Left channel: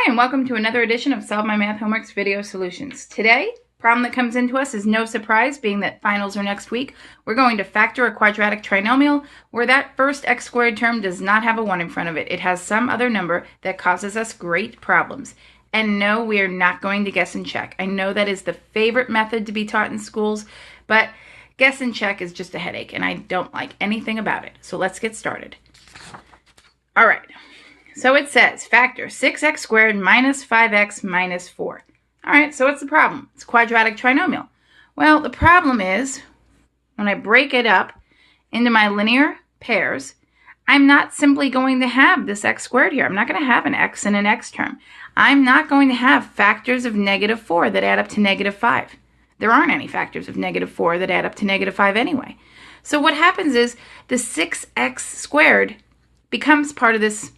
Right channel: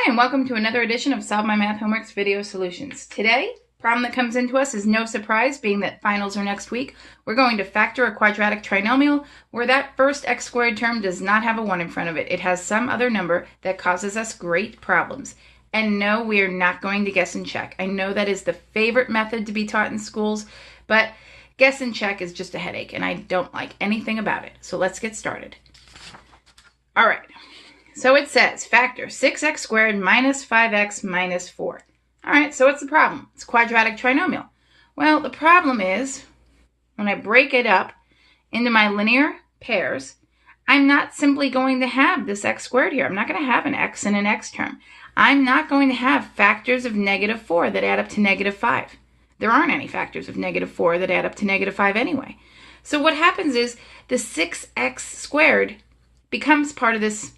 Hi, and welcome to another edition of Solve My Math Homework's Video Solutions. Today, problem that comes into us is no surprise, being that finals are next week. We're going to factor a quadratic trinomial where that first x squared term does not have a 1 in front of it. It has some other number that causes us great problems. And no, we are not going to guess and check. I know that is the favorite method to be taught in schools, but guess and check is just a headache, and I don't like anything about it. So let's get started. All right. So it says factor 6x squared minus 5x minus 4. All right, so what's the problem? It's a quadratic trinomial. Well, the problem is when I break it up into my linear pairs, I'm not simply going to have this x squared here. I'm not going to have an x and an x term. I'm not going to have factors of negative 4 that add up to negative 5. There aren't any factors of negative 4 that add up to negative 5 anyway. So what happens is the 6x squared becomes part of this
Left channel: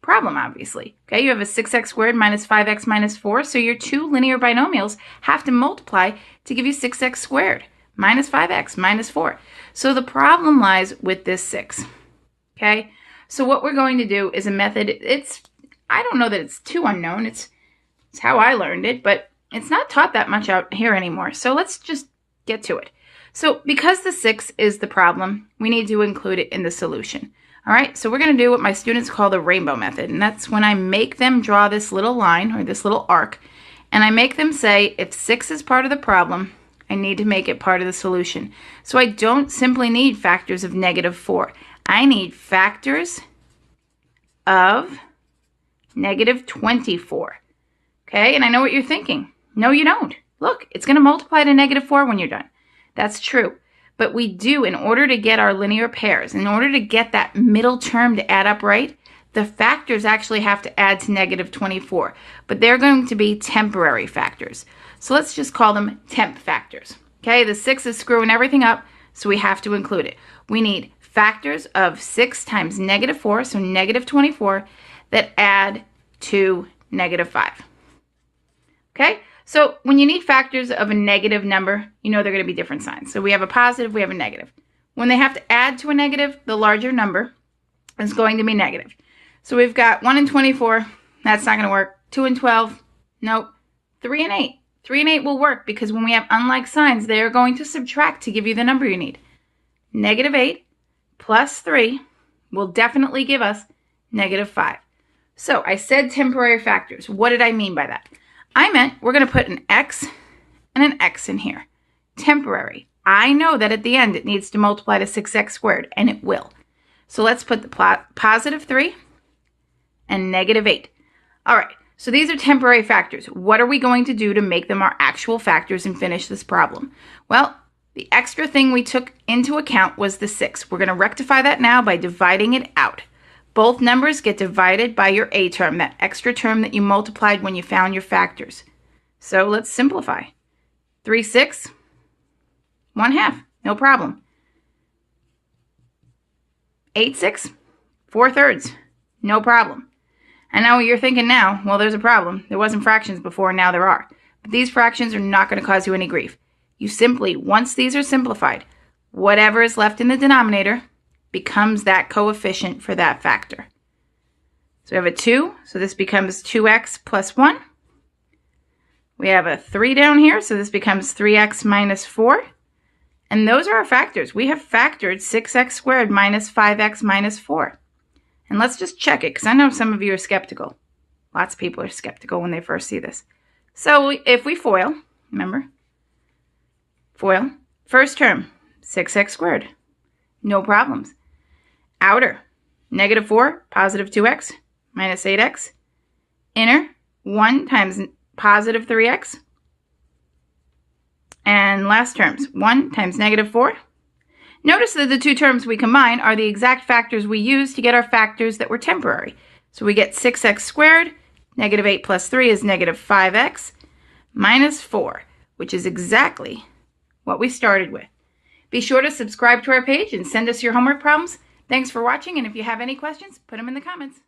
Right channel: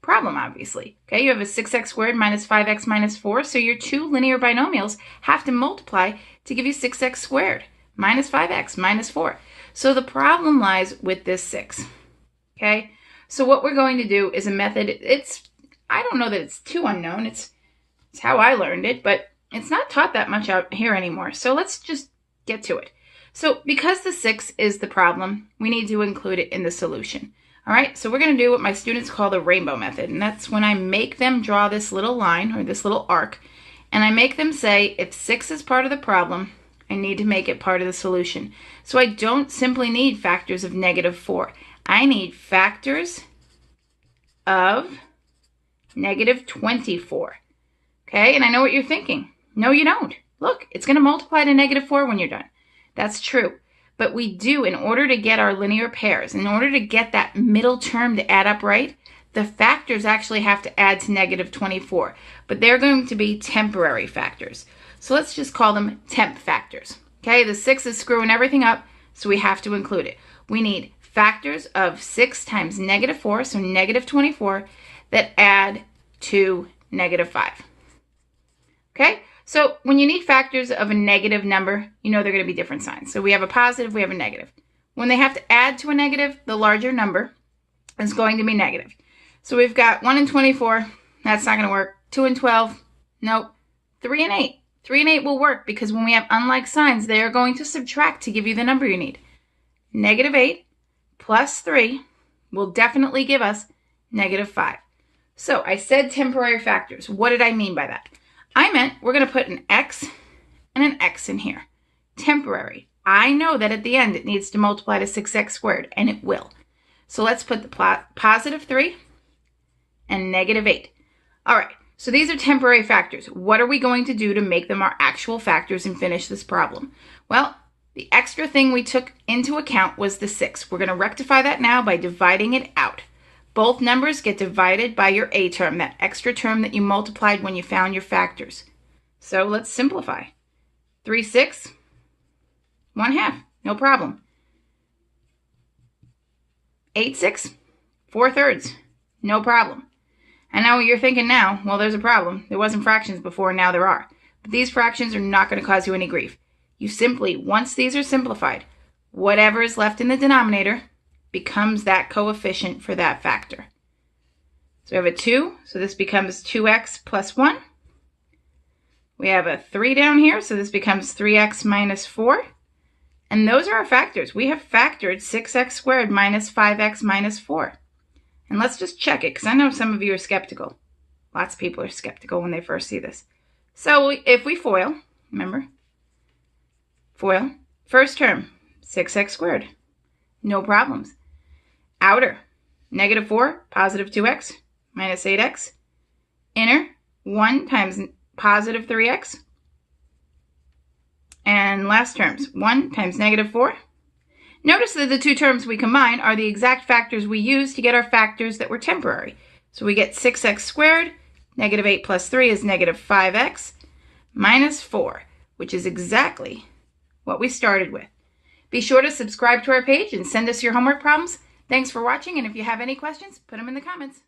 problem, obviously. Okay, you have a 6x squared minus 5x minus 4, so your two linear binomials have to multiply to give you 6x squared minus 5x minus 4. So the problem lies with this 6. Okay, so what we're going to do is a method. I don't know that it's too unknown. It's how I learned it, but it's not taught that much out here anymore. So let's just get to it. So because the 6 is the problem, we need to include it in the solution. All right, so we're going to do what my students call the rainbow method, and that's when I make them draw this little line or this little arc, and I make them say if 6 is part of the problem, I need to make it part of the solution. So I don't simply need factors of negative 4. I need factors of negative 24. Okay, and I know what you're thinking. No, you don't. Look, it's going to multiply to negative 4 when you're done. That's true. But we do, in order to get our linear pairs, in order to get that middle term to add up right, the factors actually have to add to negative 24. But they're going to be temporary factors. So let's just call them temp factors. Okay, the 6 is screwing everything up, so we have to include it. We need factors of 6 times negative 4, so negative 24, that add to negative 5. Okay? So when you need factors of a negative number, you know they're going to be different signs. So we have a positive, we have a negative. When they have to add to a negative, the larger number is going to be negative. So we've got 1 and 24, that's not going to work. 2 and 12, nope. 3 and 8. 3 and 8 will work because when we have unlike signs, they are going to subtract to give you the number you need. Negative 8 plus 3 will definitely give us negative 5. So I said temporary factors. What did I mean by that? I meant we're going to put an x and an x in here. Temporary. I know that at the end it needs to multiply to 6x squared, and it will. So let's put the positive 3 and negative 8. All right, so these are temporary factors. What are we going to do to make them our actual factors and finish this problem? Well, the extra thing we took into account was the 6. We're going to rectify that now by dividing it out. Both numbers get divided by your a term, that extra term that you multiplied when you found your factors. So let's simplify. 3 6, 1/2, no problem. 8 6, 4/3, no problem. I know what you're thinking now, well, there's a problem. There wasn't fractions before, now there are. But these fractions are not going to cause you any grief. You simply, once these are simplified, whatever is left in the denominator becomes that coefficient for that factor. So we have a 2, so this becomes 2x plus 1. We have a 3 down here, so this becomes 3x minus 4. And those are our factors. We have factored 6x squared minus 5x minus 4. And let's just check it, because I know some of you are skeptical. Lots of people are skeptical when they first see this. So if we FOIL, remember, FOIL, first term, 6x squared, no problems. Outer, negative 4, positive 2x, minus 8x. Inner, 1 times positive 3x. And last terms, 1 times negative 4. Notice that the two terms we combine are the exact factors we use to get our factors that were temporary. So we get 6x squared, negative 8 plus 3 is negative 5x, minus 4, which is exactly what we started with. Be sure to subscribe to our page and send us your homework problems. Thanks for watching, and if you have any questions, put them in the comments.